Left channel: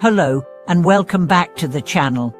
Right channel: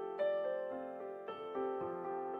Hello, and welcome back to the channel.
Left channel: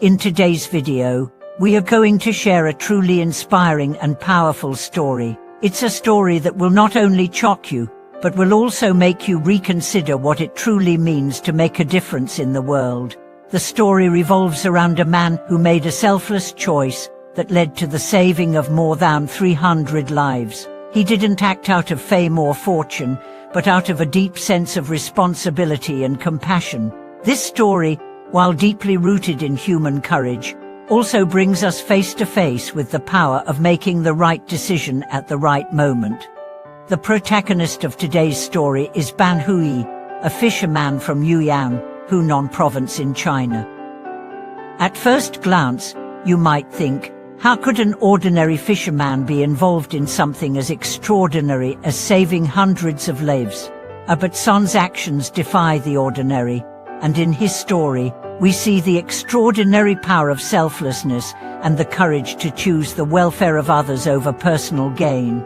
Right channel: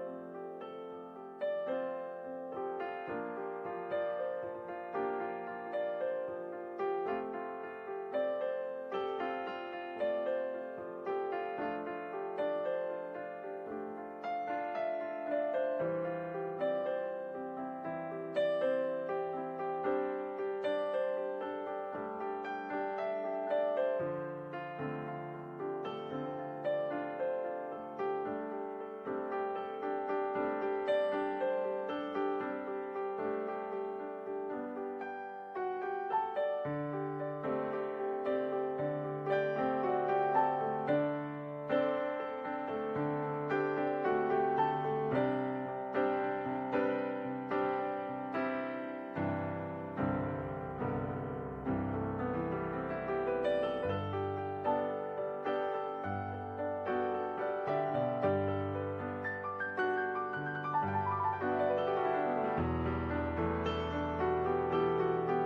In today's video, we are going to share a truly inspiring and powerful story. It's a story that will not only shock you, but will also make you reconsider what it truly means to make a difference in the world. The story revolves around a man who made a selfless choice that led to the saving of more than 300 lives. He didn't act out of fame or fortune, but out of a deep sense of responsibility and compassion. This story, while deeply rooted in human courage, also brings us face to face with the power of making the right decision at the right moment. The protagonist of today's story is Ban Hui, a fisherman from Yuyan, Hunan province in China. At first glance, you might think, how could an ordinary fisherman be involved in something as extraordinary as saving hundreds of lives? But Son's actions defy the ordinary, and in his story, we see the extraordinary power of selflessness and the courage to choose the welfare of others over personal gain.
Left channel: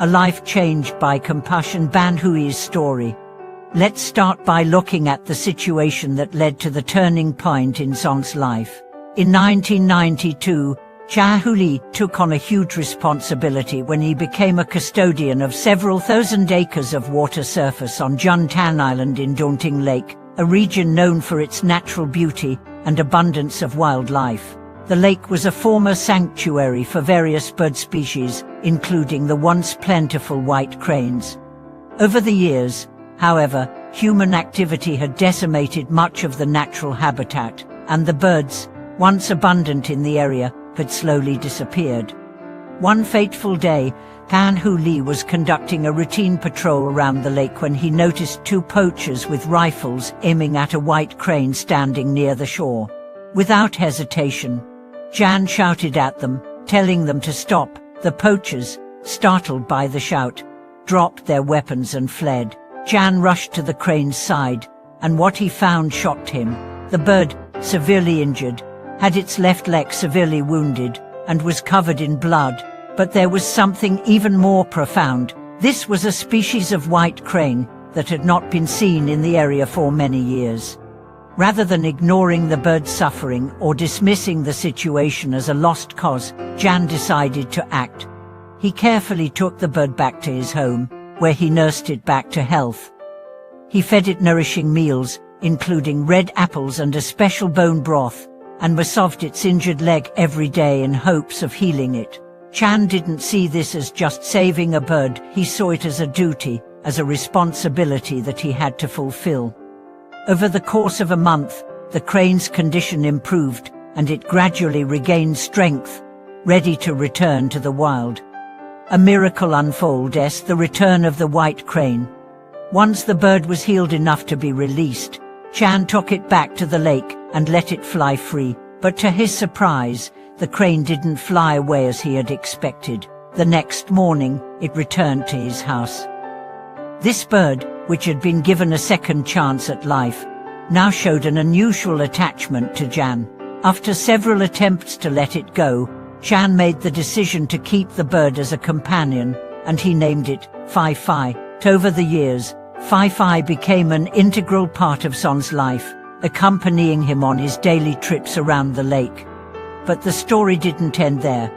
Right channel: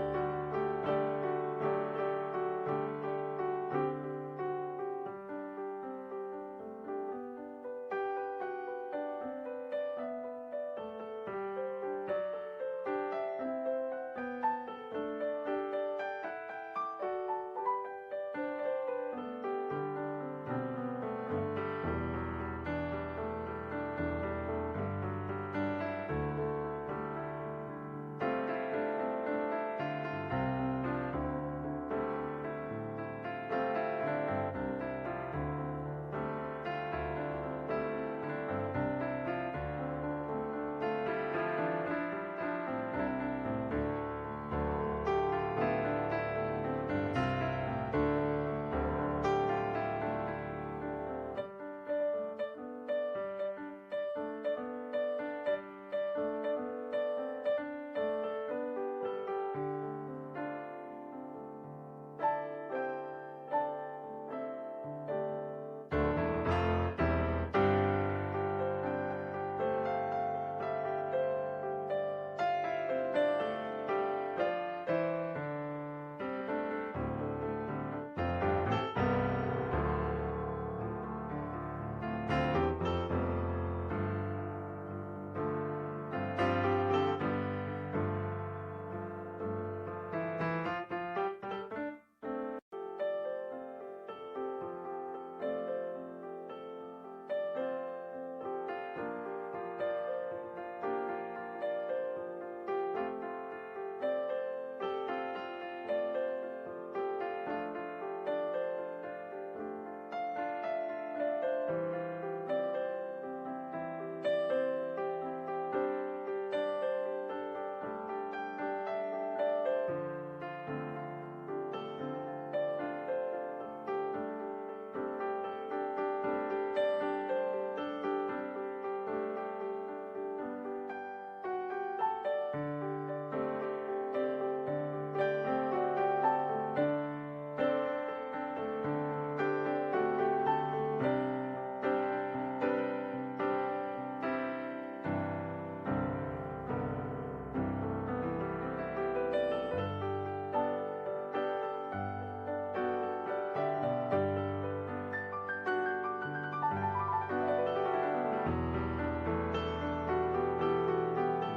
A life changed by compassion. Ban Hui's story. Let's start by looking at the situation that led to the turning point in Son's life. In 1992, Ban Hui took on a huge responsibility when he became a custodian of several thousand acres of water surface on Juntan Island in Daunting Lake, a region known for its natural beauty and abundance of wildlife. The lake was a former sanctuary for various bird species, including the once plentiful white cranes. Over the years, however, human activity had decimated much of the natural habitat, and the birds, once abundant in the area, had slowly disappeared. One fateful day, Ban Hui was conducting a routine patrol around the lake when he noticed two poachers with rifles aiming at a white crane standing near the shore. Without hesitation, Ban shouted at them, telling them to stop. The poachers, startled by the shout, dropped their weapons and fled. Ban rushed to the crane's side, and what he found shocked him. The bird, severely injured, had its left leg severely wounded and was covered in blood. But there was something even more profound. This was a species of white crane that had not been seen in the area for many years. Rather than ignoring the bird's suffering or dismissing the situation as a lost cause, Ban decided to act. He carefully took the bird back to his home, where he nursed it back to health. He fed it nourishing meals, including red apples and a special bone broth, and massaged its injured leg every day in hopes of healing it. Ban didn't see this as just saving a bird. He saw it as a duty, as a responsibility that he had to fulfill. Over the course of a month, the crane's condition improved, and it gradually regained strength, ready to return to the wild. A miracle unfolded as the return of the white crane. Once the bird was healed enough to be released, Ban took it back to the lake and let it fly free. But to his surprise, the crane didn't fly away as he had expected. The next morning, it returned to his house. This bird, which had been given a second chance at life, now showed an unusual attachment to Ban. After several attempts to let it go, Ban made the decision to keep the bird as a companion, and he named it Phi Phi. Over the years, Phi Phi became an integral part of Son's life, accompanying him on his daily trips around the lake. But the story didn't end there.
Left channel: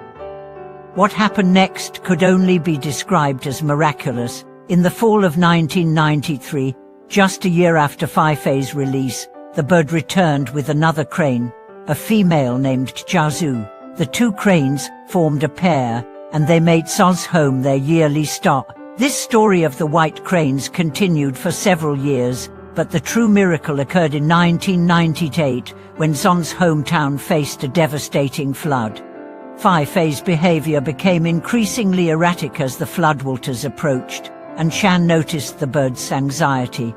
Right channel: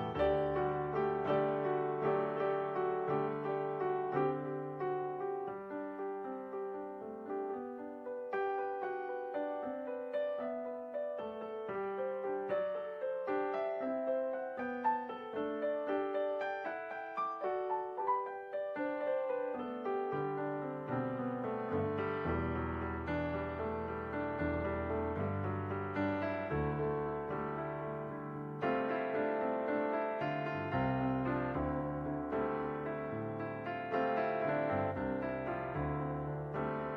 What happened next could only be described as miraculous. In the fall of 1993, just a year after Phi Phi's release, the bird returned with another crane, a female named Jiazu. The two cranes formed a pair, and they made Son's home their yearly stop. This story of the white cranes continued for several years, but the true miracle occurred in 1998, when Son's hometown faced a devastating flood. Phi Phi's behavior became increasingly erratic as the floodwaters approached, and Ban noticed the bird's anxiety.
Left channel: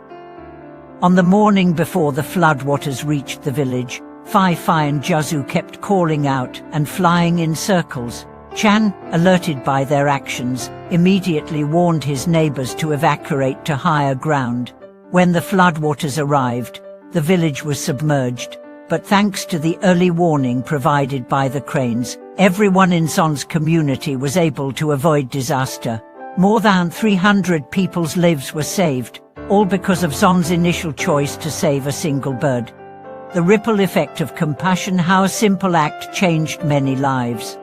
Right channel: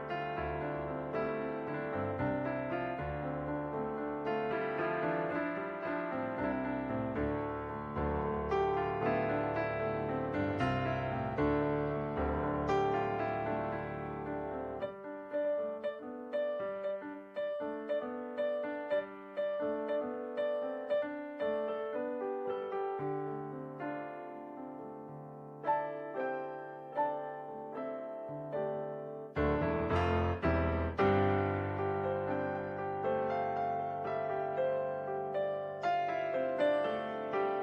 On the morning before the floodwaters reached the village, Phi Phi and Jiazu kept calling out and flying in circles. Ban, alerted by their actions, immediately warned his neighbors to evacuate to higher ground. When the floodwaters arrived, the village was submerged, but thanks to the early warning provided by the cranes, everyone in Son's community was able to avoid disaster. More than 300 people's lives were saved, all because of Zon's initial choice to save a single bird. The ripple effect of compassion, how a simple act changed many lives.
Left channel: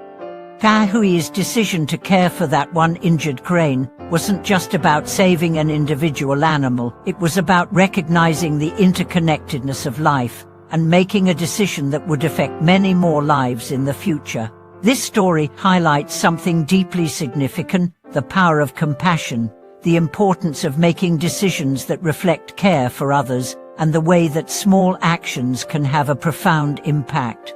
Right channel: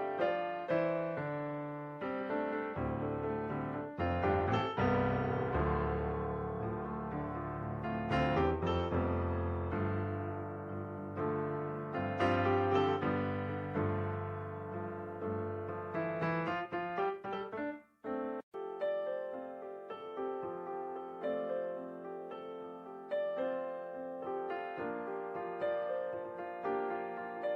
Zhang Hui's decision to care for that one injured crane wasn't just about saving an individual animal, it was about recognizing the interconnectedness of life and making a decision that would affect many more lives in the future. This story highlights something deeply significant: the power of compassion, the importance of making decisions that reflect care for others, and the way that small actions can have a profound impact.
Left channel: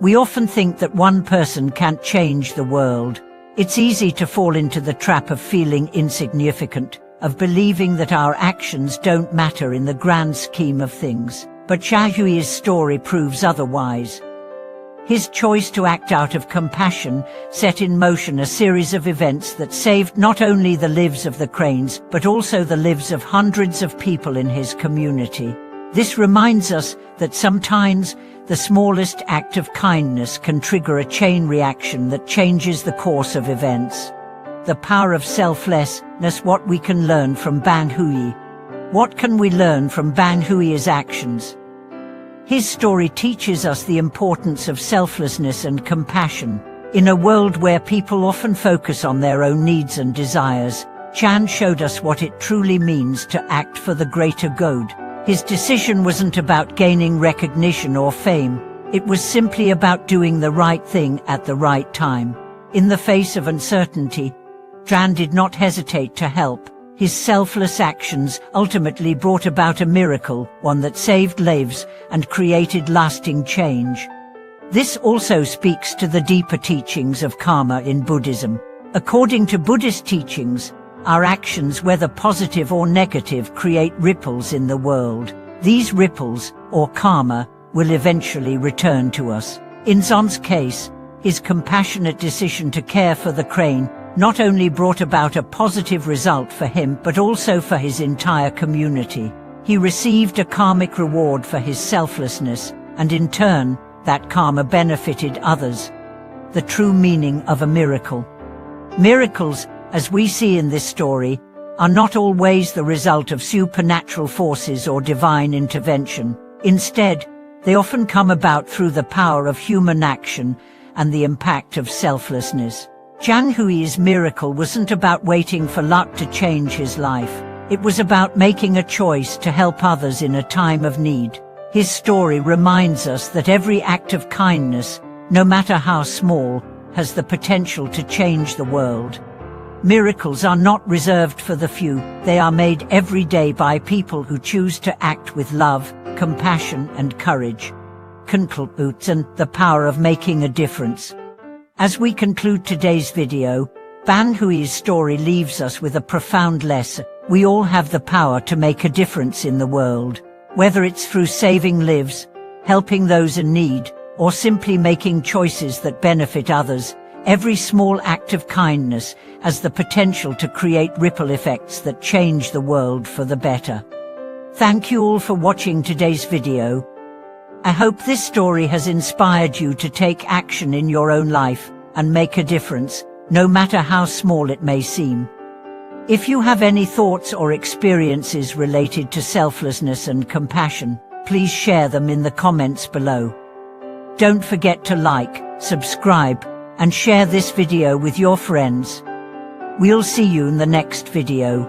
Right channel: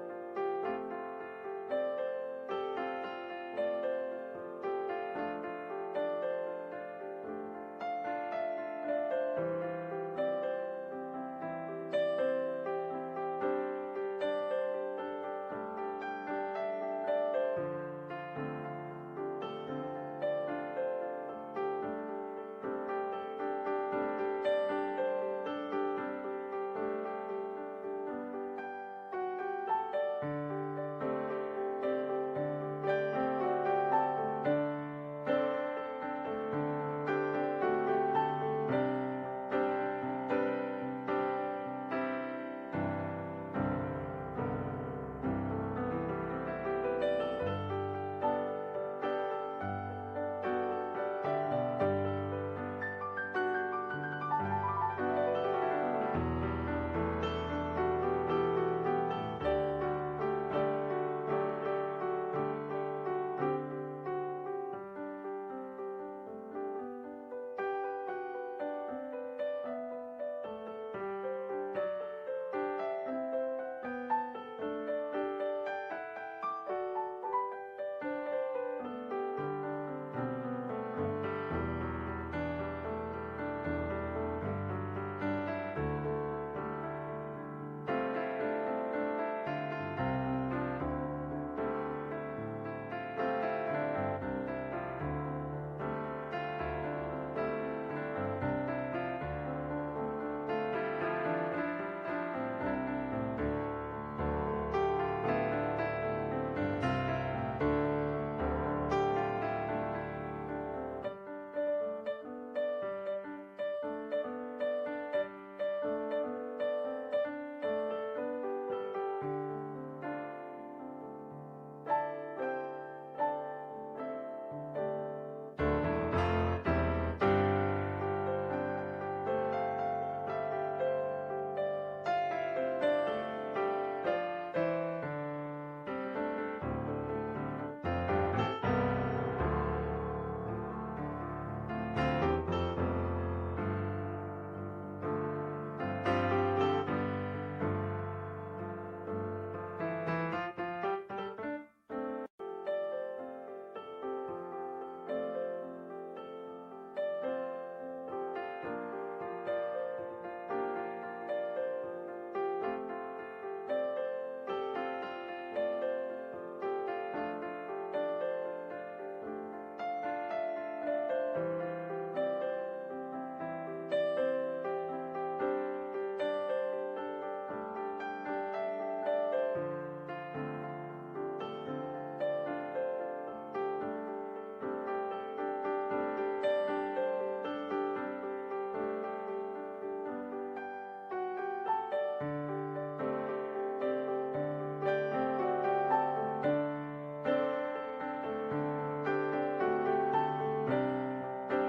We often think that one person can't change the world. It's easy to fall into the trap of feeling insignificant, of believing that our actions don't matter in the grand scheme of things. But Zhang Hui's story proves otherwise. His choice to act out of compassion set in motion a series of events that saved not only the lives of the cranes, but also the lives of hundreds of people in his community. This reminds us that sometimes the smallest act of kindness can trigger a chain reaction that changes the course of events. The power of selflessness, what we can learn from Zhang Hui. What can we learn from Zhang Hui's actions? His story teaches us the importance of selflessness and compassion. In a world where people often focus on their own needs and desires, Zhang showed us what it truly means to act for the greater good. His decision wasn't about gaining recognition or fame. It was simply about doing the right thing at the right time. In the face of uncertainty, Zhang did not hesitate to help. His selfless actions ultimately brought about a miracle, one that saved lives and created lasting change. This also speaks to the deeper teachings of karma in Buddhism. According to Buddhist teachings, our actions, whether positive or negative, create ripples in the world. These ripples, or karma, will eventually return to us. In Zon's case, his compassionate decision to care for the crane not only brought about a positive result for him, but also for his entire community. He received a karmic reward for his selflessness, and in turn, that karma benefited others. The true meaning of a miracle. Miracles, as we see in this story, are not always the result of supernatural forces or divine intervention. Instead, they often come about through the power of human action and the impact of selflessness. Zhang Hui's miracle wasn't about waiting for luck to change his life. It was about making a choice to help others in a time of need. His story reminds us that every act of kindness, no matter how small, has the potential to change the world. Miracles are not reserved for the few. They are made every day by people who choose to act with love, compassion, and courage. And the power of making a difference. As we conclude today's video, Zhang Hui's story leaves us with a profound lesson. We all have the power to make a difference in the world. Whether it's through saving lives, helping those in need, or simply making choices that benefit others, every small act of kindness has the potential to create ripple effects that change the world for the better. Thank you all for watching today's video. I hope this story has inspired you to take action in your own life and make a difference, no matter how small it may seem. If you have any thoughts or experiences related to selflessness and compassion, please share them in the comments below. Don't forget to like, subscribe, and share this video with your friends. We'll see you in the next video.